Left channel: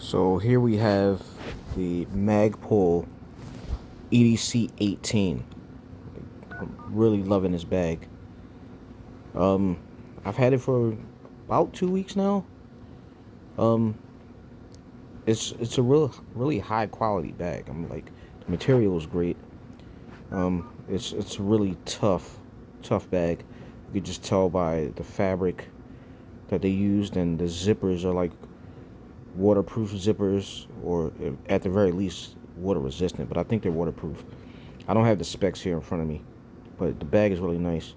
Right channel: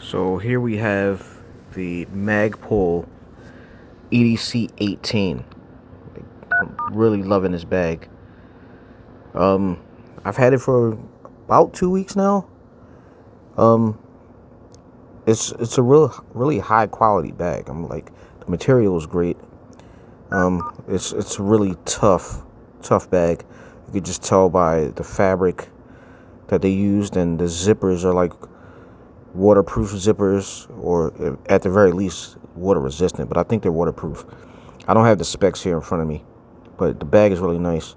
So here we have the Magpul EDC18. I'm really loving this bag. I've had it for about 2 weeks now. Um, it's a really high quality bag. I'm like, the material is great. It's a really tough bag. You could just tell by the fabric that they used, and the zippers are like waterproof zippers, or at the very least water resistant, but I think they're waterproof. I don't have the specs here in front of me, but the bag is really nice.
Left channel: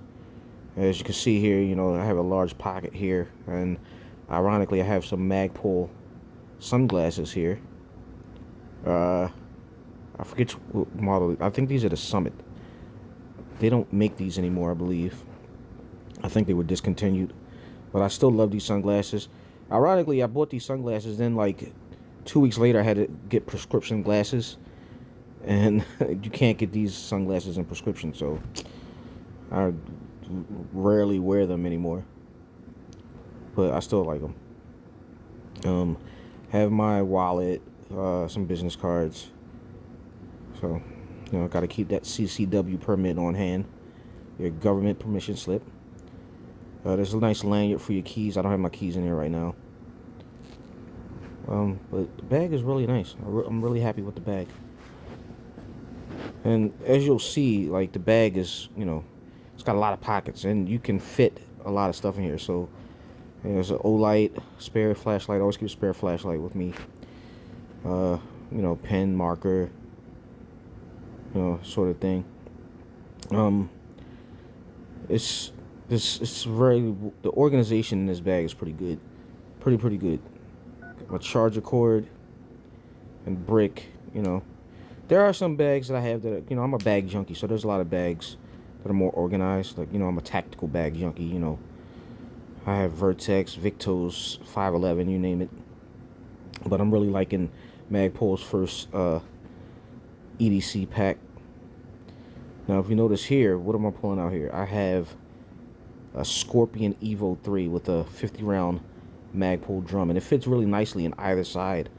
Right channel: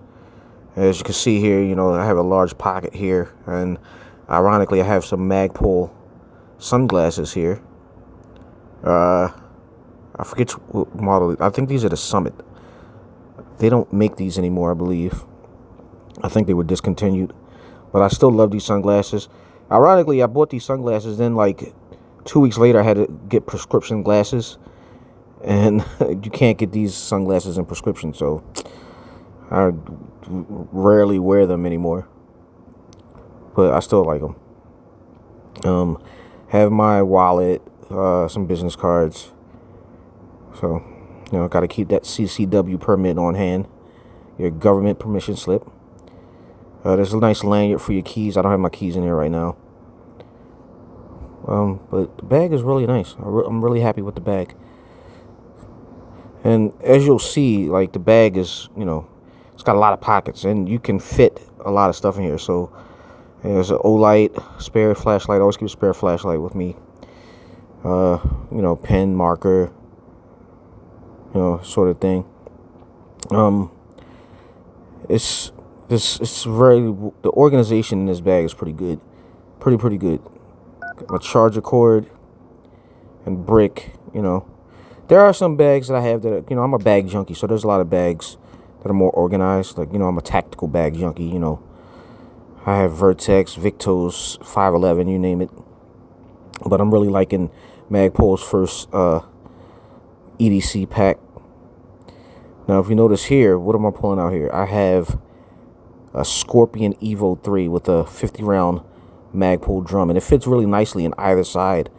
As you can see here, I have a large pocket here, and ironically I have some Magpul sunglasses here. I forget what model. I think these are the Summit. They don't make these anymore, I believe. I think they were discontinued, but I still love these sunglasses. Ironically, I bought these sunglasses, then like 2 weeks later I had to get prescription glasses, and you can't get these sunglasses in prescription, so I rarely wear them anymore, but I still like them. Have my wallet, some business cards, so got to keep that CCW permit on hand, your government permission slip. There's a nice lanyard for your keys. I don't have my keys in here right now. But the bag is really nice. I'm really happy with the bag. And as you'll see, like, the bag is, it's got a lot of pockets, and you can fit a lot of stuff in here. So there's an O-light, spare flashlight. I always keep a spare flashlight with me. Pen, marker, sort of thing. It's very, the organization in this bag is pretty good. Pretty good. A charger cord and brick, There are some bags that I have that, I'm a bag junkie, so there's a lot of bags that are more organized. Like, I'm a tactical bag junkie, I have Vertex, Victos, 511, you name it. But I'm really liking Magpul's first EDC pack. Now, if you notice here, what am I pulling out here? I have a Scorpion Evo 3 with a 50-round Magpul drum, and it fits really nicely in either side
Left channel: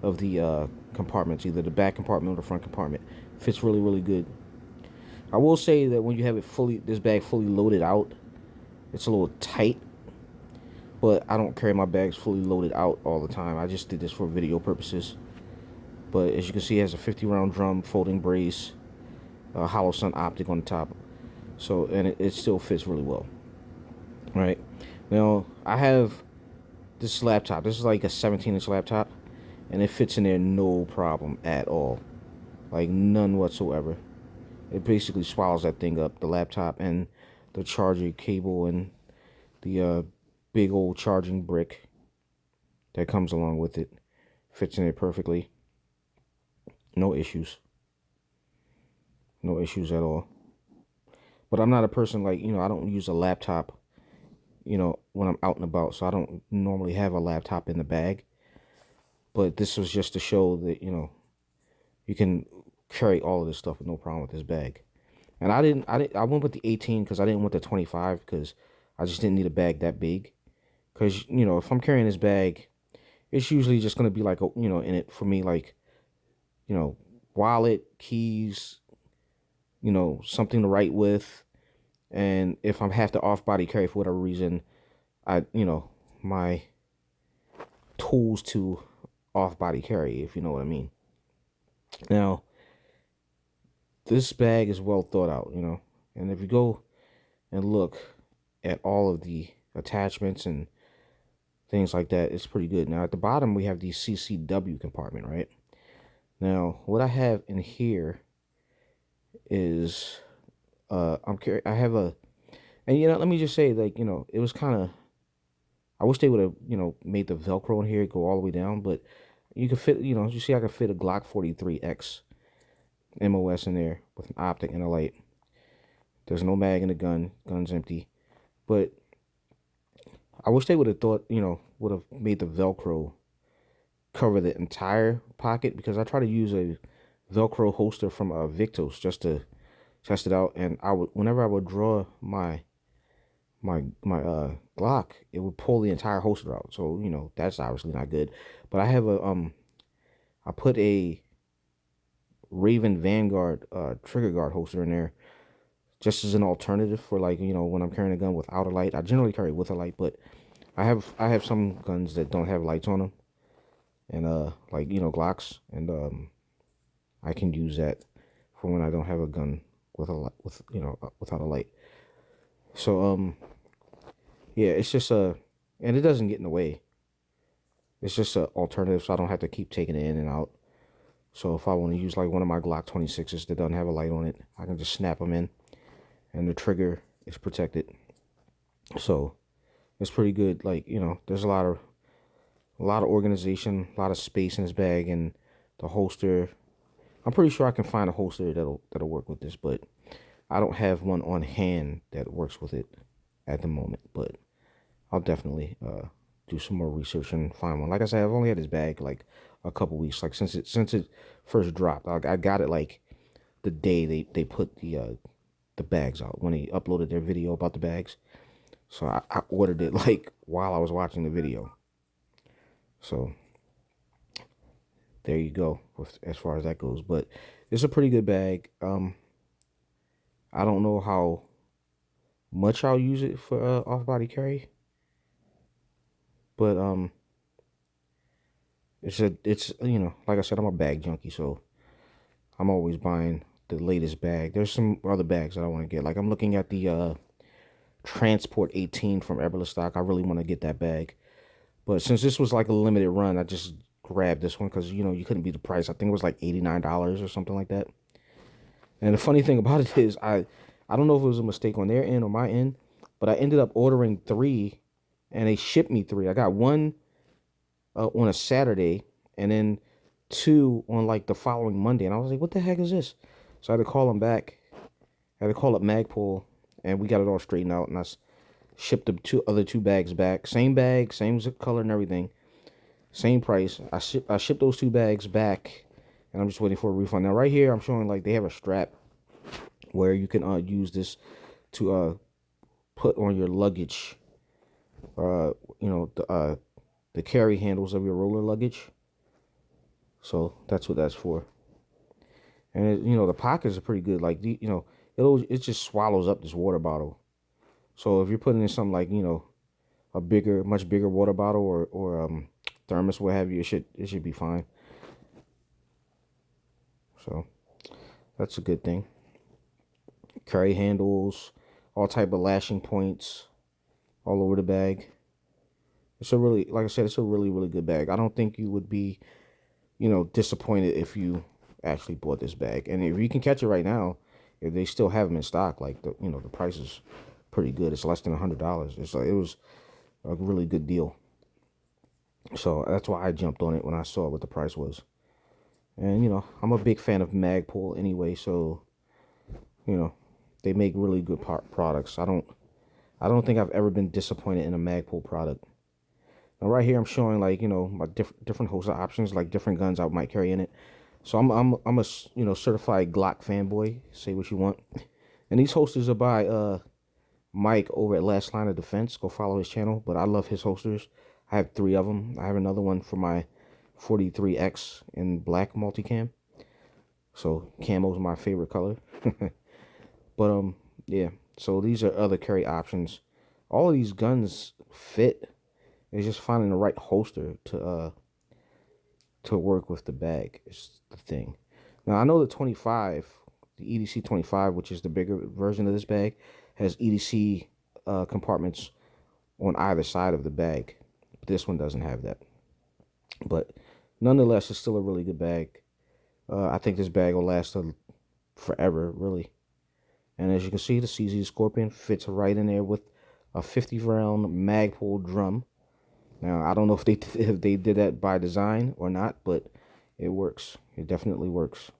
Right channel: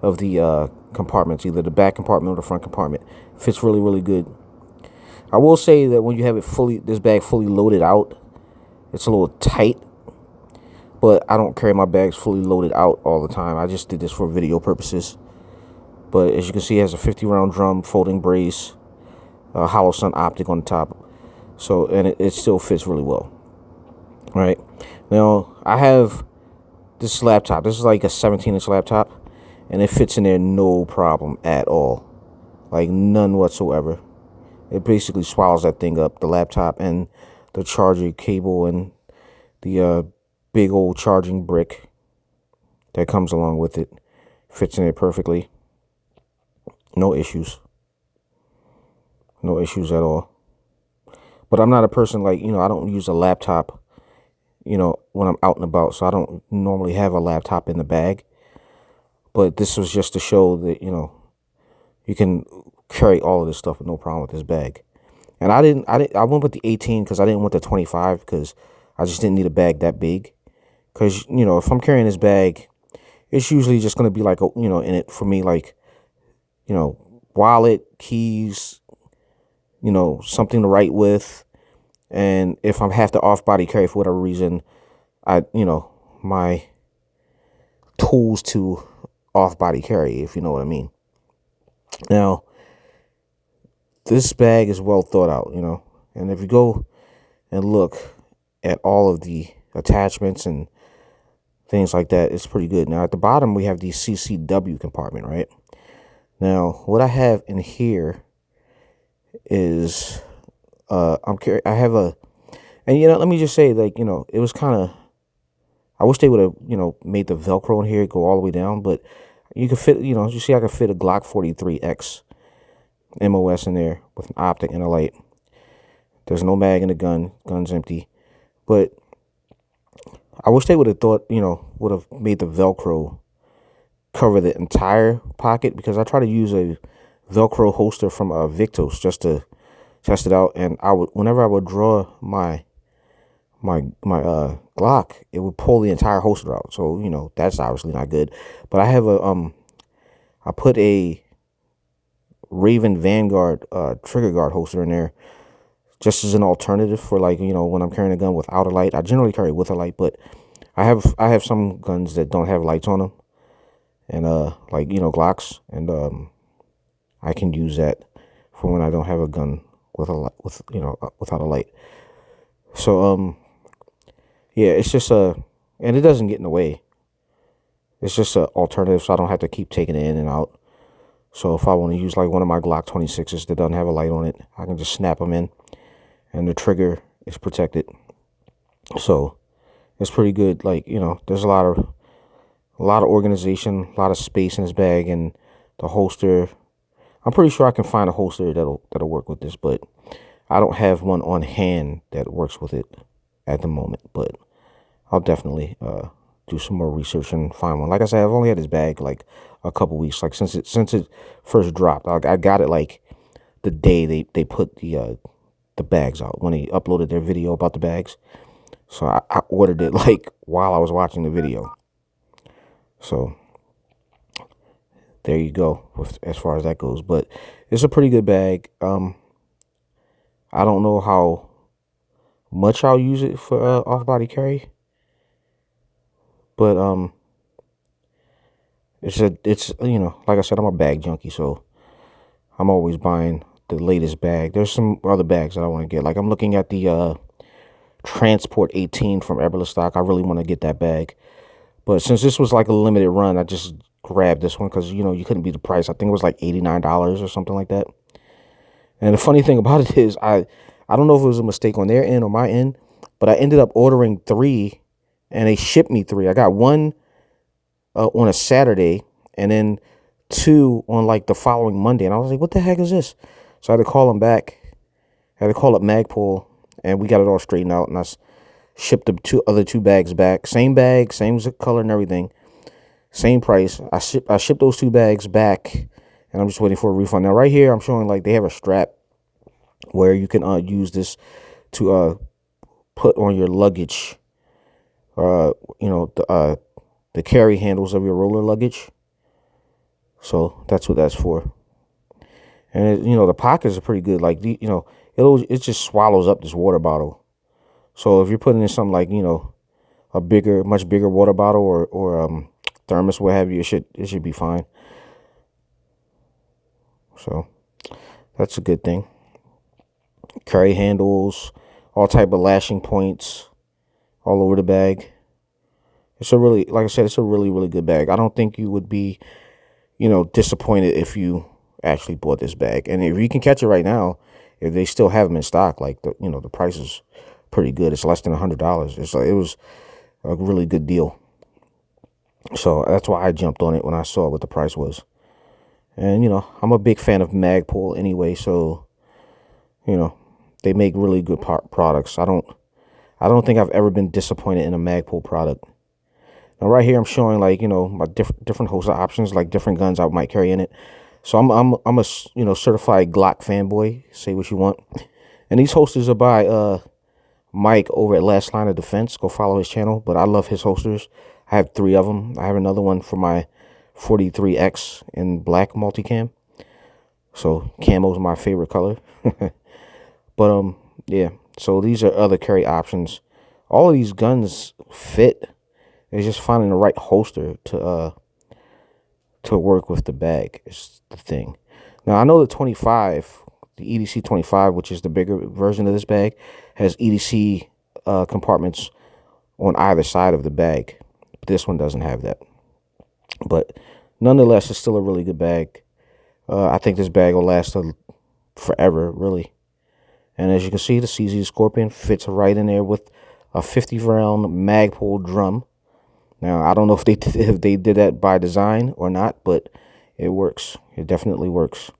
of the compartments, either the back compartment or the front compartment. It fits really good. I will say that when you have this bag fully loaded out, it's a little tight, but I don't carry my bags fully loaded out all the time. I just did this for video purposes. But as you can see, it has a 50-round drum, folding brace, a hollow sun optic on the top, so, and it still fits really well. Right now, I have this laptop. This is like a 17-inch laptop, and it fits in there no problem at all, like none whatsoever. It basically swallows that thing up, the laptop and the charger cable and the big old charging brick that comes along with it. Fits in there perfectly. No issues. No issues at all. But I'm not a person like, I don't use a laptop when I'm out and about, so I don't normally have a laptop in the bag. But this was just to show that, you can carry all of this stuff with no problem with this bag. And I went with the 18 because I didn't want the 25, because I just didn't need a bag that big. Because, if I'm carrying this bag, it's usually just going to be like, in it for me, like, wallet, keys, something to write with. And if I have to off-body carry for whatever reason, my tools to off-body carry, if you know what I mean. Now, this bag is well thought out, and if you go and look at all of the attachments and things like that, it's pretty good. Now, at the bottom, we have the CCW compartment, right? Now, what I have in here is I have a, and let me just say, like, it was kind of, I wish they would have, made the Velcro in here go all the way down, but you could fit, you see I could fit a Glock 43X MOS in there with an optic and a light. There's no mag in the gun's empty, but I wish they would have thought, would have made the Velcro cover the entire pocket, because I try to use a Velcro holster from Victos just to test it out, and whenever I would draw my my Glock, it would pull the entire holster out. So, you know, that's obviously not good. But I have I put a Raven Vanguard trigger guard holster in there just as an alternative for, like, you know, when I'm carrying a gun without a light. I generally carry it with a light, but I have some guns that don't have lights on them, and like, you know, Glocks, and I can use that for when I don't have a gun with a light, with, you know, without a light. So yeah, it's just and it doesn't get in the way. It's just an alternative, so I don't have to keep taking it in and out. So if I want to use like one of my Glock 26s that doesn't have a light on it, I can just snap them in, and the trigger is protected. So it's pretty good. Like, you know, there's a lot of organization, a lot of space in this bag, and the holster. I'm pretty sure I can find a holster that'll work with this, but I don't have one on hand that works with it at the moment. But I'll definitely do some more research and find one. Like I said, I've only had this bag like a couple weeks, like since it first dropped. I got it like the day they put the bags out, when they uploaded their video about the bags. So I ordered it like while I was watching the video. So there you go as far as that goes. But it's a pretty good bag. I don't know how much I'll use it for off-body carry, but it's you know, like I said, I'm a bag junkie, so I'm always buying the latest bag. There's some other bags that I want to get. Like, I'm looking at the Transport 18 from Everstock. I really want to get that bag, but since this was like a limited run, I just grabbed this one because, you know, you couldn't beat the price. I think it was like $89 or something like that. And the funny thing about it is, I don't know if it was a mistake on their end or my end, but I ended up ordering 3, and they shipped me 3. I got 1 on a Saturday, and then 2 on like the following Monday. And I was like, what the heck is this? So I had to call them back. I had to call up Magpul, and we got it all straightened out, and I shipped the other 2 bags back. Same bag, same color and everything, same price. I shipped those 2 bags back, and I'm just waiting for a refund. Now right here, I'm showing like they have a strap where you can use this to put on your luggage. You know, the carry handles of your roller luggage. So that's what that's for. And it, you know, the pockets are pretty good. Like, you know, it just swallows up this water bottle. So if you're putting in something like, you know, a much bigger water bottle or thermos, what have you, it should be fine. So that's a good thing. Carry handles, all type of lashing points all over the bag. It's a really, like I said, it's a really, really good bag. I don't think you would be, you know, disappointed if you actually bought this bag. And if you can catch it right now, if they still have them in stock, like, you know, the price is pretty good. It's less than $100. It was a really good deal. So that's why I jumped on it when I saw what the price was. And, you know, I'm a big fan of Magpul anyway, so, you know, they make really good products. I don't think I've ever been disappointed in a Magpul product. Now right here I'm showing, like, you know, my different holster options, like different guns I might carry in it. So I'm a, you know, certified Glock fanboy. Say what you want. And these holsters are by Mike over at Last Line of Defense. Go follow his channel. But I love his holsters. I have 3 of them. I have another one for my 43X in black multicam. So camo's my favorite color. But yeah. So these are other carry options. All of these guns fit. It's just finding the right holster to work with the bag is the thing. Now I know the 25, the EDC25, which is the bigger version of this bag, has EDC compartments on either side of the bag. This one doesn't have that. But nonetheless, it's still a really good bag. I think this bag will last forever, really. And as you can see, the CZ Scorpion fits right in there with a 50-round Magpul drum. Now, I don't know if they did that by design or not, but it works. It definitely works.